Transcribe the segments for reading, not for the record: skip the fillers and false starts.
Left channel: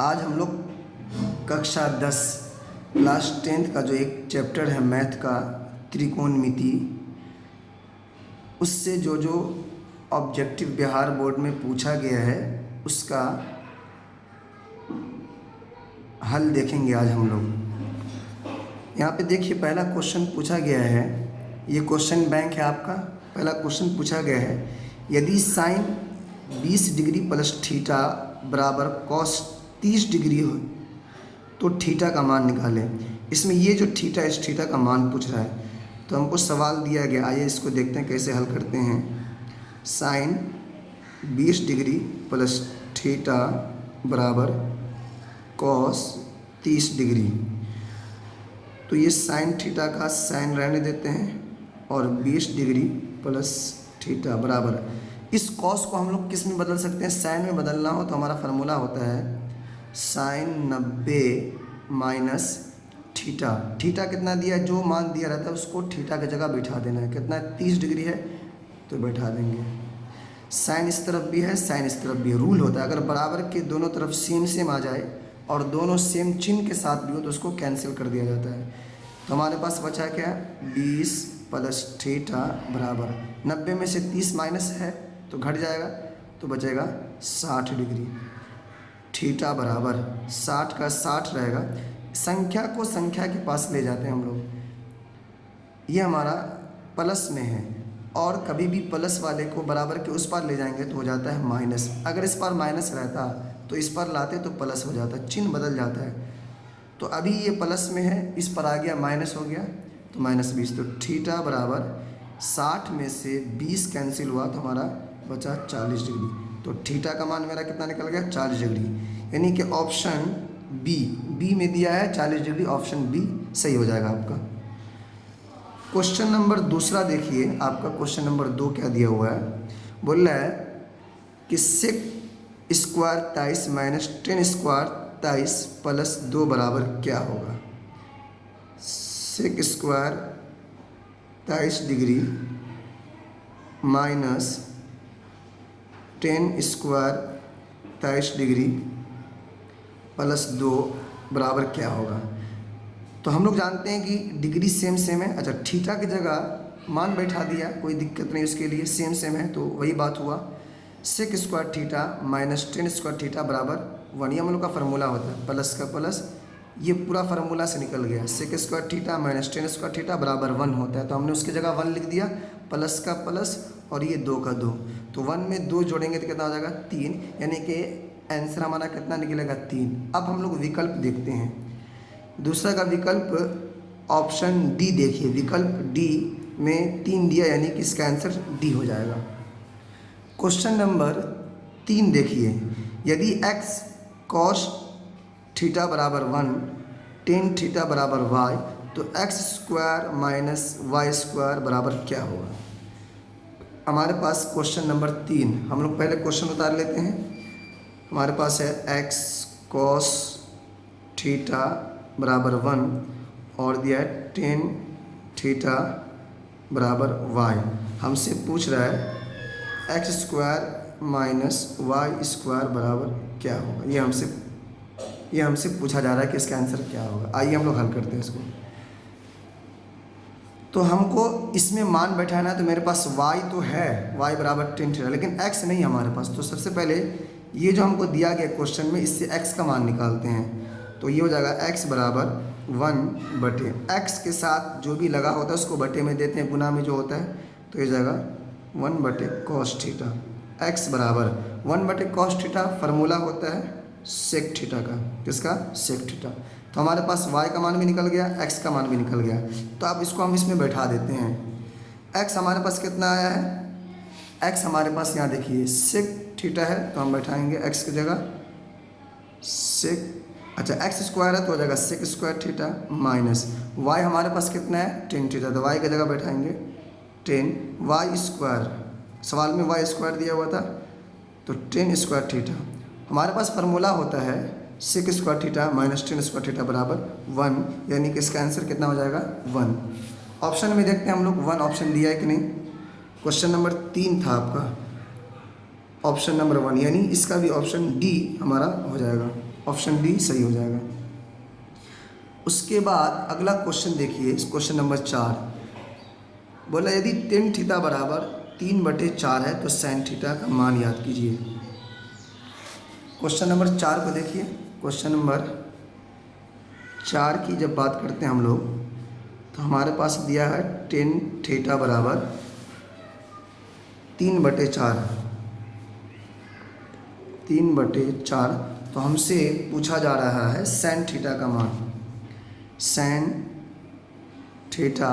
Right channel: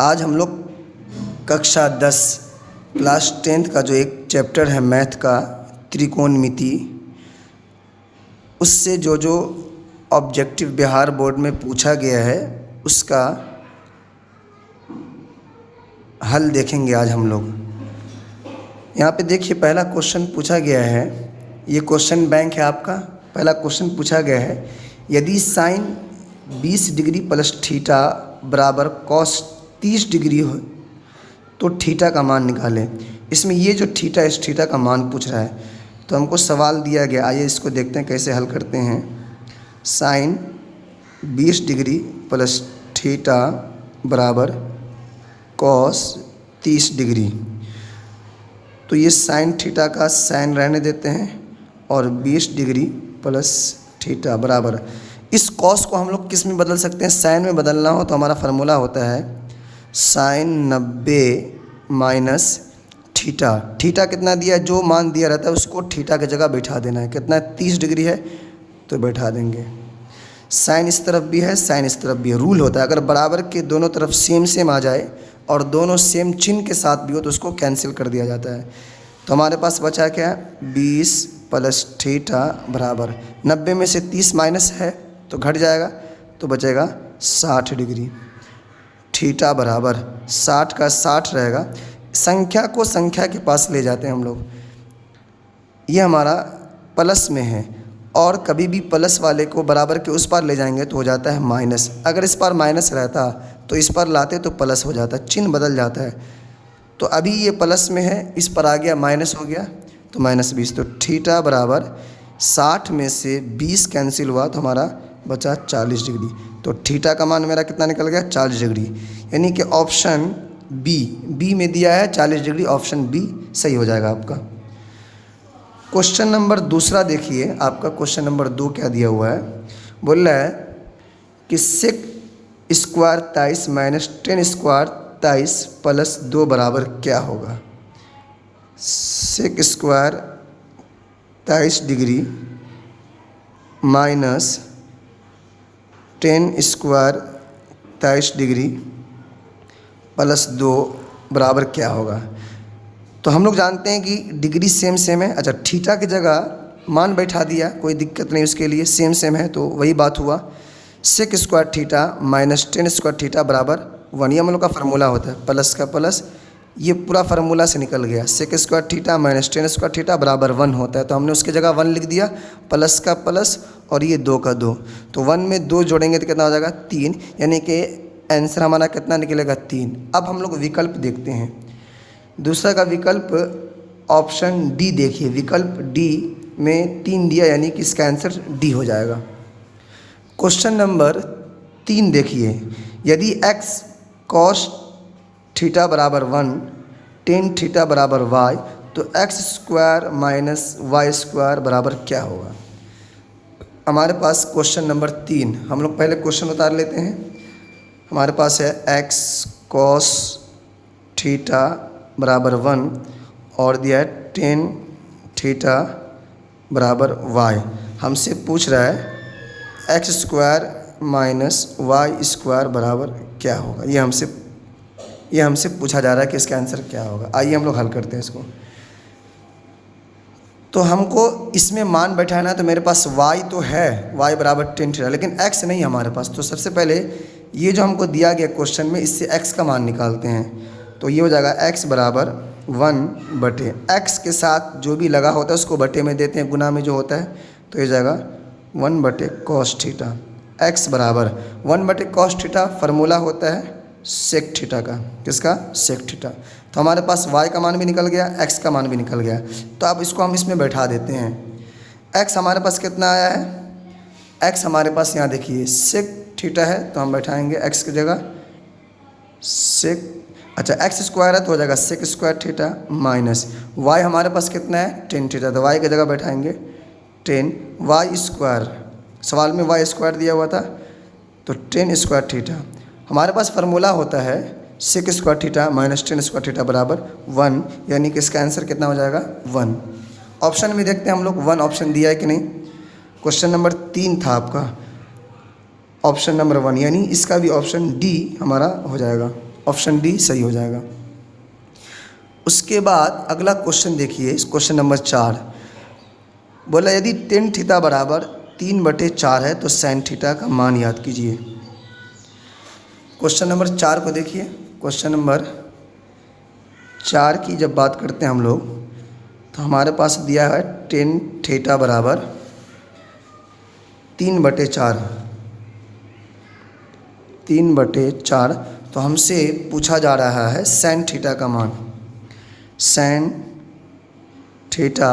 आज हम लोग कक्षा 10 क्लास 10th का जो एक चैप्टर है मैथ का त्रिकोणमिति, उससे जो जो ऑब्जेक्टिव बिहार बोर्ड में पूछा गया है उसका हल देखेंगे आज हम लोग। यहाँ पे देखिए पहला क्वेश्चन पूछा गया है, ये क्वेश्चन बैंक है आपका। पहला क्वेश्चन पूछा गया है, यदि साइन 20 डिग्री प्लस थीटा बराबर कॉस 30 डिग्री हो तो थीटा का मान निकालें। इसमें ये जो थीटा, इस थीटा का मान पूछ रहा है, तो हमको सवाल दिया गया। आइए इसको देखते हैं कैसे हल करते हैं। साइन 20 डिग्री प्लस थीटा बराबर कॉस 30 डिग्री। तो ये साइन थीटा का साइन रहने देते हैं और 20 डिग्री प्लस थीटा बराबर, इस कॉस को हम लोग किस में बदल सकते हैं? साइन में बदलना हो तो हमारा फार्मूला होता है साइन 90 माइनस थीटा। थीटा कितना दिया है, जो मान दिया रहता है उसको थीटा की जगह बैठा देना है। कितना है? 30 डिग्री है तो बैठा देंगे। साइन इस तरफ भी है, साइन इस तरफ भी है। रूल होता है अगर बराबर के दोनों तरफ सेम सेम आ जाए और दोनों सेम चिन्ह के साथ भी हो तो उसको कैंसिल कर दिया जाता है। तो हमारे पास बचा क्या? 20 प्लस थीटा बराबर 90 में से 30 माइनस है तो घट जाएगा, तो बचेगा 60 डिग्री। थीटा बराबर 60 का 60 रहेगा। संख्या को संख्या के पास ले जाते हैं हम लोग। ये हमारा प्लस में है और कभी भी प्लस वाले को बराबर के उस पार ले जाएंगे तो हो जाता है माइनस। अगर इस पार माइनस रहता तो इस पर लाते तो प्लस हो जाता, चिन्ह बदल जाता है। तो अभी ये प्लस में है, इस पर आ गया माइनस हो गया तो -20। तो थीटा बराबर 60 में से 20 कैंसिल हुआ तो हमारा बचा 40 डिग्री। तो थीटा का मान मेरा कितना निकल गया? 40 डिग्री। यानी कि ऑप्शन बी में दिया है 40 डिग्री, ऑप्शन बी सही हो जाएगा आपका। क्वेश्चन नंबर दूसरा देखिए, आपका क्वेश्चन नंबर 2 क्या दिया हुआ है। बोल रहा है कि sec square 23 minus tan square 23 plus 2 बराबर क्या होगा? Sec square 23 degree minus tan square 23 degree plus 2 बराबर क्या होगा? तो हम लोग जानते हैं कि डिग्री सेम सेम है। अच्छा, थीटा की जगह मान बैठा दिया, कोई दिक्कत नहीं, उसके लिए सेम सेम है तो वही बात हुआ। Sec square theta minus tan square theta बराबर 1, ये हम लोग का फार्मूला होता है। प्लस का प्लस, ये पूरा फार्मूला से निकल गया। Sec square theta minus tan square theta बराबर 1 होता है, तो हमने उसकी जगह 1 लिख दिया। प्लस का प्लस और ये 2 का 2, तो 1 में 2 जोड़ेंगे तो कितना हो जाएगा? 3, यानी कि आंसर हमारा कितना निकलेगा? 3। अब हम लोग विकल्प देखते हैं। दूसरा का विकल्प ऑप्शन डी देखिए, विकल्प डी में 3 दिया, यानी कि इसका आंसर डी हो जाएगा। क्वेश्चन नंबर 3 देखिए, यदि x cos थीटा बराबर 1 टेन थीटा बराबर y तो x square minus Y square बराबर क्या होगा? हमारे पास क्वेश्चन नंबर 3, हम लोग पहले क्वेश्चन उतार लेते हैं। हमारे पास है x cos थीटा बराबर 1 और दिया है टेन थीटा बराबर y। हमसे पूछ रहा है X square minus Y square बराबर क्या होगा। ये हमसे पूछा जा रहा है कि इसका आंसर क्या होगा। आइए हम लोग हल करते हैं इसको। तो हमको इसमें मान बैठाना है, तो मेरे पास y तो है, y बराबर टेन थीटा, लेकिन x नहीं हमारे पास। तो सबसे पहले ये जो हमको दिया गया क्वेश्चन में, इससे x का मान निकालते हैं। तो ये हो जाएगा x बराबर 1 बटे, x के साथ जो भी लगा होता है उसको बटे में देते हैं, गुना में जो होता है, तो ये जाएगा 1 बटे कॉस थीटा। x बराबर 1 बटे कॉस थीटा, फार्मूला होता है सेक थीटा का। किसका? Sec theta. तो हमारे पास y का मान भी निकल गया, x का मान भी निकल गया। तो अब इसको हम इसमें बैठा देते हैं। x हमारे पास कितना आया है? x हमारे पास यहाँ देखिए सेक थीटा है, तो हम बैठाएंगे x की जगह सेक। अच्छा, x स्क्वायर है तो हो जाएगा sec square theta minus y हमारे पास कितना है? टेन थीटा, तो y की जगह बैठाएंगे 10 वाई स्क्वायर। सवाल में वाई स्क्वायर दिया हुआ था, तो 10 स्क्वायर थीटा। हमारे पास फार्मूला होता है sec square theta minus tan square theta बराबर 1, यानी कि इसका आंसर कितना हो जाएगा? 1। ऑप्शन में देखते हैं हम लोग 1 ऑप्शन दिया है कि नहीं। क्वेश्चन नंबर 3 था आपका, ऑप्शन नंबर 1, यानी इसका भी ऑप्शन डी हमारा हो जाएगा। ऑप्शन डी सही हो जाएगा। उसके बाद अगला क्वेश्चन देखिए, क्वेश्चन नंबर 4 बोला यदि टेन थीटा बराबर 3/4 है तो साइन थीटा का मान याद कीजिए। क्वेश्चन नंबर 4 को देखिए। क्वेश्चन नंबर 4 की जब बात करते हैं हम लोग तो हमारे पास दिया है टेन थीटा बराबर 3/4। 3/4 तो हमसे पूछा जा रहा है साइन थीटा का मान। साइन थीटा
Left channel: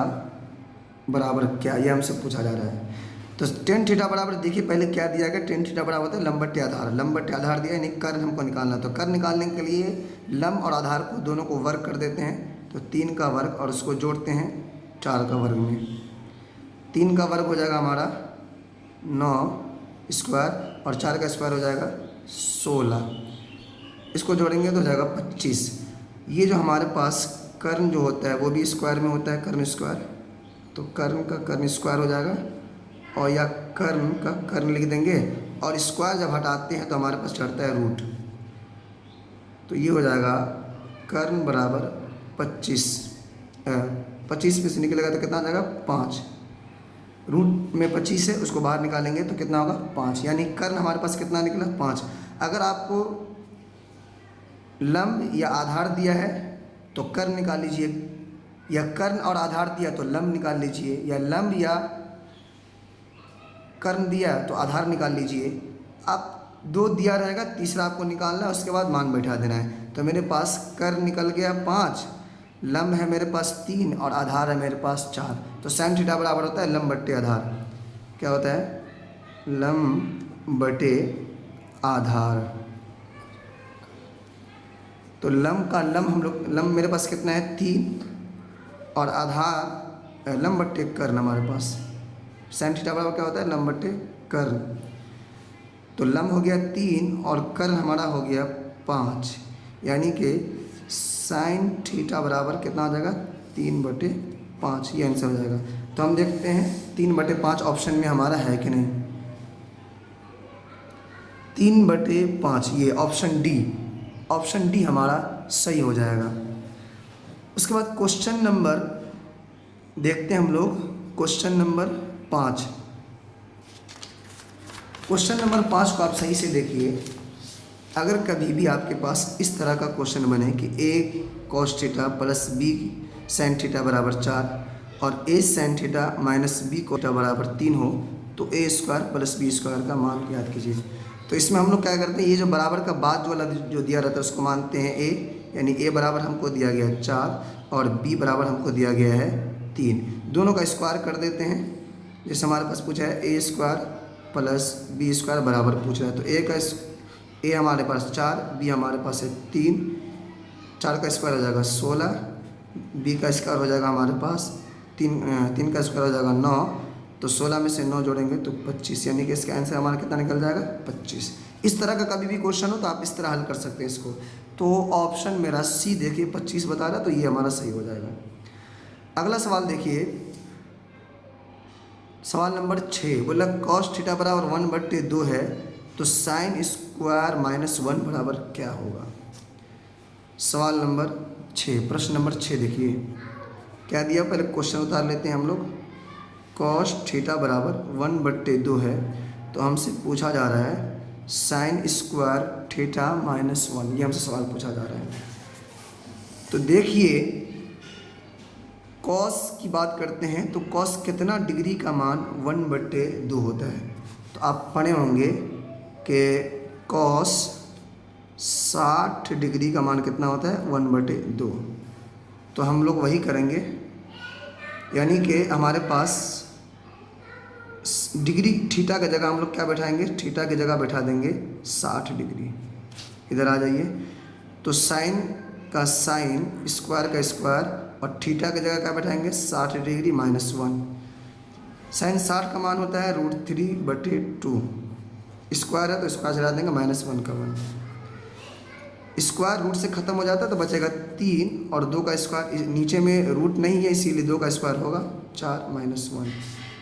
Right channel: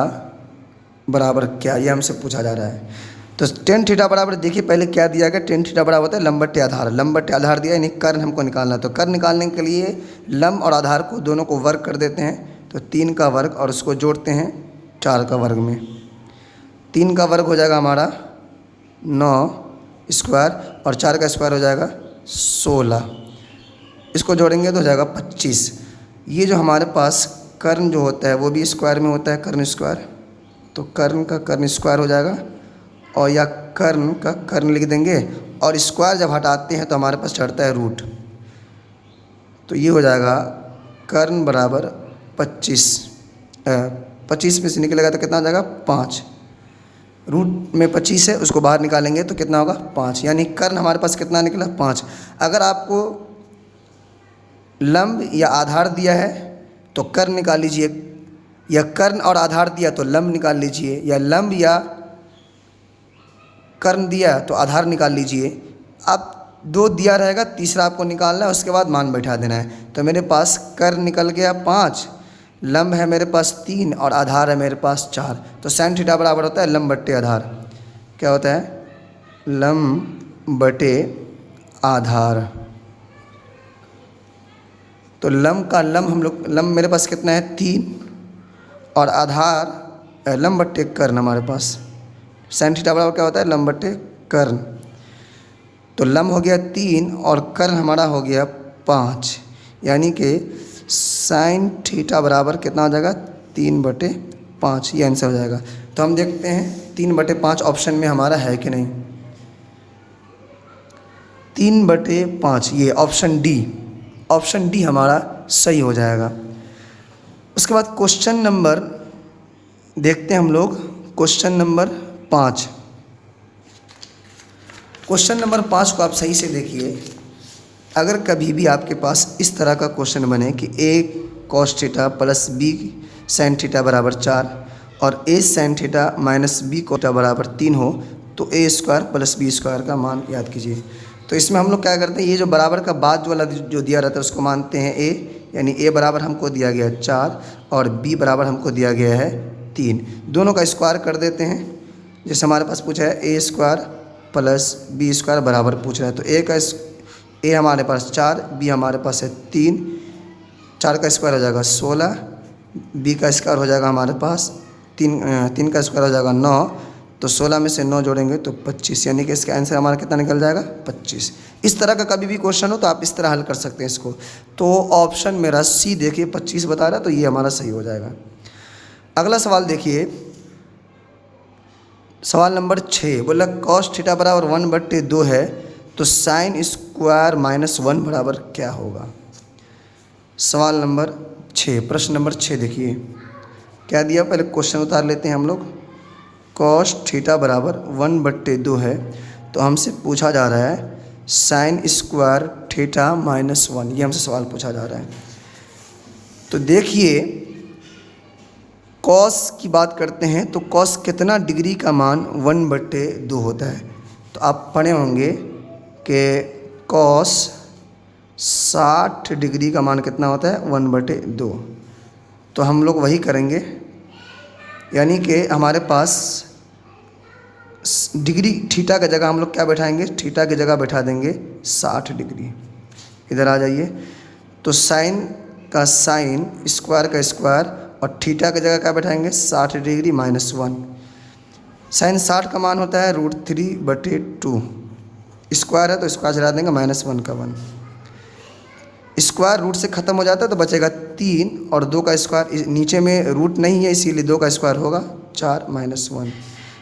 बराबर क्या, ये हमसे पूछा जा रहा है। तो टेन थीटा बराबर देखिए पहले क्या दिया गया, टेन थीटा बराबर होता है लंब बटे आधार। लंब बटे आधार दिया, यानी कर्ण हमको निकालना है। तो कर्ण निकालने के लिए लंब और आधार को दोनों को वर्ग कर देते हैं। तो 3 का वर्ग और उसको जोड़ते हैं 4 का वर्ग में। 3 का वर्ग हो जाएगा हमारा 9 स्क्वायर और 4 का स्क्वायर हो जाएगा 16। इसको जोड़ेंगे तो हो जाएगा 25। ये जो हमारे पास कर्ण जो होता है वो भी स्क्वायर में होता है, कर्ण स्क्वायर। तो कर्ण का कर्ण स्क्वायर हो जाएगा और या कर्ण का कर्ण लिख देंगे और स्क्वायर जब हटाते हैं तो हमारे पास चढ़ता है रूट। तो ये हो जाएगा कर्ण बराबर 25। 25 में से निकलेगा तो कितना हो जाएगा 5। रूट में 25 है, उसको बाहर निकालेंगे तो कितना होगा 5। यानी कर्ण हमारे पास कितना निकला 5। अगर आपको लंब या आधार दिया है तो कर्ण निकाल लीजिए, या कर्ण और आधार दिया तो लंब निकाल लीजिए, या लंब या कर्ण दिया तो आधार निकाल लीजिए। आप 2 दिया रहेगा, तीसरा आपको निकालना है, उसके बाद मान बैठा देना है। तो मेरे पास कर्ण निकल गया 5, लंब है मेरे पास 3 और आधार है मेरे पास 4। तो साइन थीटा बराबर होता है लंब बट्टे आधार। क्या होता है, लंब बटे आधार। तो लंब का लंब हम लोग, लंब मेरे पास कितना है 3 और आधार लंब बट्टे कर्ण हमारे पास। साइन थीटा बराबर क्या होता है लंब बट्टे कर्ण। तो लंब हो गया 3 और कर्ण हमारा हो गया 5, यानी कि साइन थीटा बराबर कितना हो जाएगा 3/5। ये आंसर हो जाएगा। तो हम देखते हैं 3/5 ऑप्शन में हमारा है कि नहीं। 3/5 ये ऑप्शन डी, ऑप्शन डी हमारा सही हो जाएगा। उसके बाद क्वेश्चन नंबर देखते हैं हम लोग, क्वेश्चन नंबर 5। क्वेश्चन नंबर 5 को आप सही से देखिए। अगर कभी भी आपके पास इस तरह का क्वेश्चन बने कि a cos theta plus b sin theta बराबर 4 और a sin theta minus b cos theta बराबर 3 हो, तो a square plus b square का मान याद कीजिए। तो इसमें हम लोग क्या करते हैं, ये जो बराबर का बाद वाला जो दिया रहता है उसको मानते हैं a, यानी a बराबर हमको दिया गया है 4 और b बराबर हमको दिया गया है 3। दोनों का स्क्वायर कर देते हैं। जैसे हमारे पास पूछा है a square plus b square बराबर पूछ रहा है, तो a हमारे पास 4, b हमारे पास है 3। 4 का स्क्वायर हो जाएगा 16, b का स्क्वायर हो जाएगा हमारे पास 3 का स्क्वायर हो जाएगा 9। तो 16 में से 9 जोड़ेंगे तो 25, यानी कि इसका आंसर हमारा कितना निकल जाएगा 25। इस तरह का कभी भी क्वेश्चन हो तो आप इस तरह हल कर सकते हैं इसको। तो ऑप्शन मेरा सी देखिए 25 बता रहा है, तो ये हमारा सही हो जाएगा। अगला सवाल देखिए, सवाल नंबर 6 बोला cos थीटा बराबर 1/2 है तो साइन स्क्वायर माइनस 1 बराबर क्या होगा। सवाल नंबर 6, प्रश्न नंबर 6 देखिए क्या दिया, पहले क्वेश्चन उतार लेते हैं हम लोग। cos थीटा बराबर 1/2 है तो हमसे पूछा जा रहा है साइन स्क्वायर थीटा माइनस 1, ये हमसे सवाल पूछा जा रहा है। तो देखिए cos की बात करते हैं तो cos कितना डिग्री का मान 1/2 होता है। तो आप पढ़े होंगे कि cos 60 डिग्री का मान कितना होता है 1/2। तो हम लोग वही करेंगे, यानी कि हमारे पास डिग्री थीटा की जगह हम लोग क्या बैठाएंगे, थीटा की जगह बैठा देंगे 60 डिग्री। इधर आ जाइए। तो साइन का साइन, स्क्वायर का स्क्वायर और थीटा की जगह क्या बैठाएंगे 60 डिग्री माइनस 1। साइन 60 का मान होता है √3/2। स्क्वायर है तो स्क्वायर चला देंगे -1 का 1। स्क्वायर रूट से ख़त्म हो जाता है तो बचेगा 3 और 2 का स्क्वायर, नीचे में रूट नहीं है इसीलिए 2 का स्क्वायर होगा 4 - 1।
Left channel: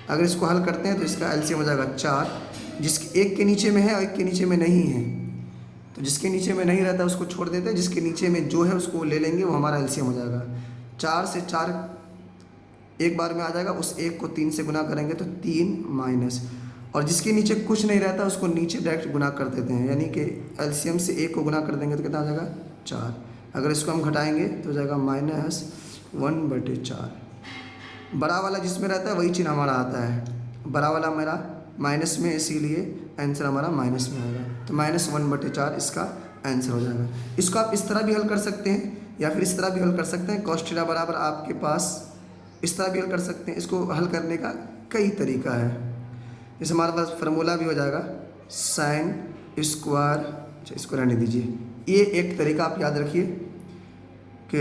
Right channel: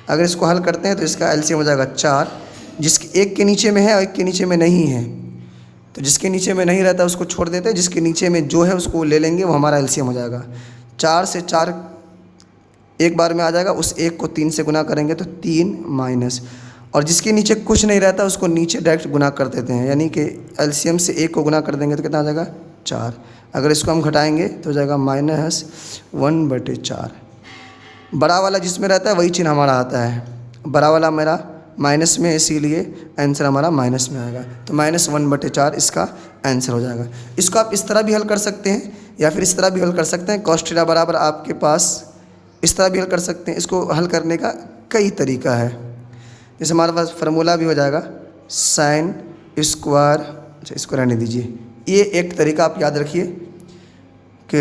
अगर इसको हल करते हैं तो इसका एलसीएम हो जाएगा 4, जिसके एक के नीचे में है और एक के नीचे में नहीं है। तो जिसके नीचे में नहीं रहता उसको छोड़ देते हैं, जिसके नीचे में जो है उसको ले लेंगे, वो हमारा एलसीएम हो जाएगा। 4 से 4 एक बार में आ जाएगा, उस 1 को 3 से गुना करेंगे तो 3 माइनस, और जिसके नीचे कुछ नहीं रहता उसको नीचे डायरेक्ट गुना कर देते हैं, यानी कि एलसीएम से 1 को गुना कर देंगे तो कितना आ जाएगा 4। अगर इसको हम घटाएंगे तो हो जाएगा -1/4। बड़ा वाला जिसमें रहता है वही चिन्ह हमारा आता है, बड़ा वाला मेरा माइनस में, इसीलिए आंसर हमारा माइनस में आएगा। तो -1/4 इसका आंसर हो जाएगा। इसको आप इस तरह भी हल कर सकते हैं या फिर इस तरह भी हल कर सकते हैं। cos थीटा बराबर आपके पास इस तरह भी हल कर सकते हैं। इसको हल करने का कई तरीका है। जैसे हमारे पास फार्मूला भी हो जाएगा sin स्क्वायर, अच्छा इसको रहने दीजिए। ये एक तरीका आप याद रखिए कि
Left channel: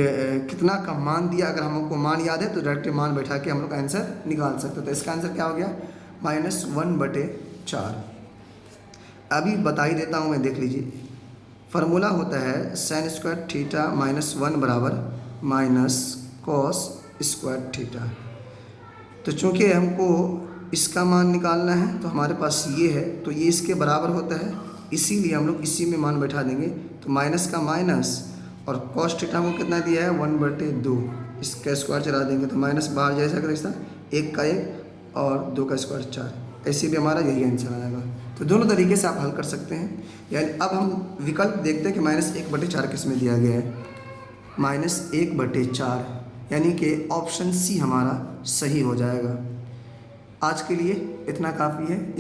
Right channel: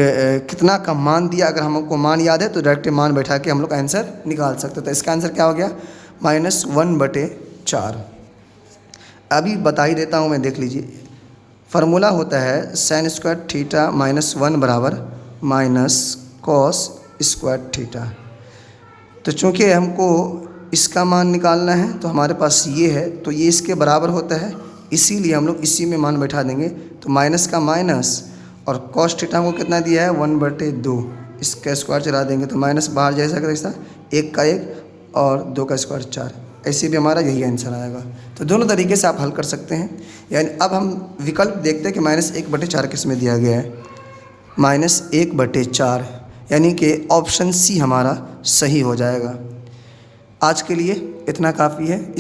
कितना का मान दिया, अगर हमको मान याद है तो डायरेक्ट मान बैठा के हम लोग आंसर निकाल सकते हैं। तो इसका आंसर क्या हो गया -1/4। अभी बता ही देता हूँ मैं, देख लीजिए। फार्मूला होता है sin स्क्वायर थीटा -1 बराबर -cos स्क्वायर थीटा। तो चूँकि हमको इसका मान निकालना है तो हमारे पास ये है, तो ये इसके बराबर होता है, इसीलिए हम लोग इसी में मान बैठा देंगे। तो माइनस का माइनस, और cos थीटा हमको कितना दिया है 1/2, इसका स्क्वायर चला देंगे तो माइनस बाहर जैसा कैसा 1 का 1 और 2 का स्क्वायर 4, ऐसे भी हमारा यही आंसर आएगा। तो दोनों तरीके से आप हल कर सकते हैं। यानी अब हम विकल्प देखते हैं कि -1/4 किस में दिया गया है, -1/4, यानी कि ऑप्शन सी हमारा सही हो जाएगा। आज के लिए इतना काफ़ी है।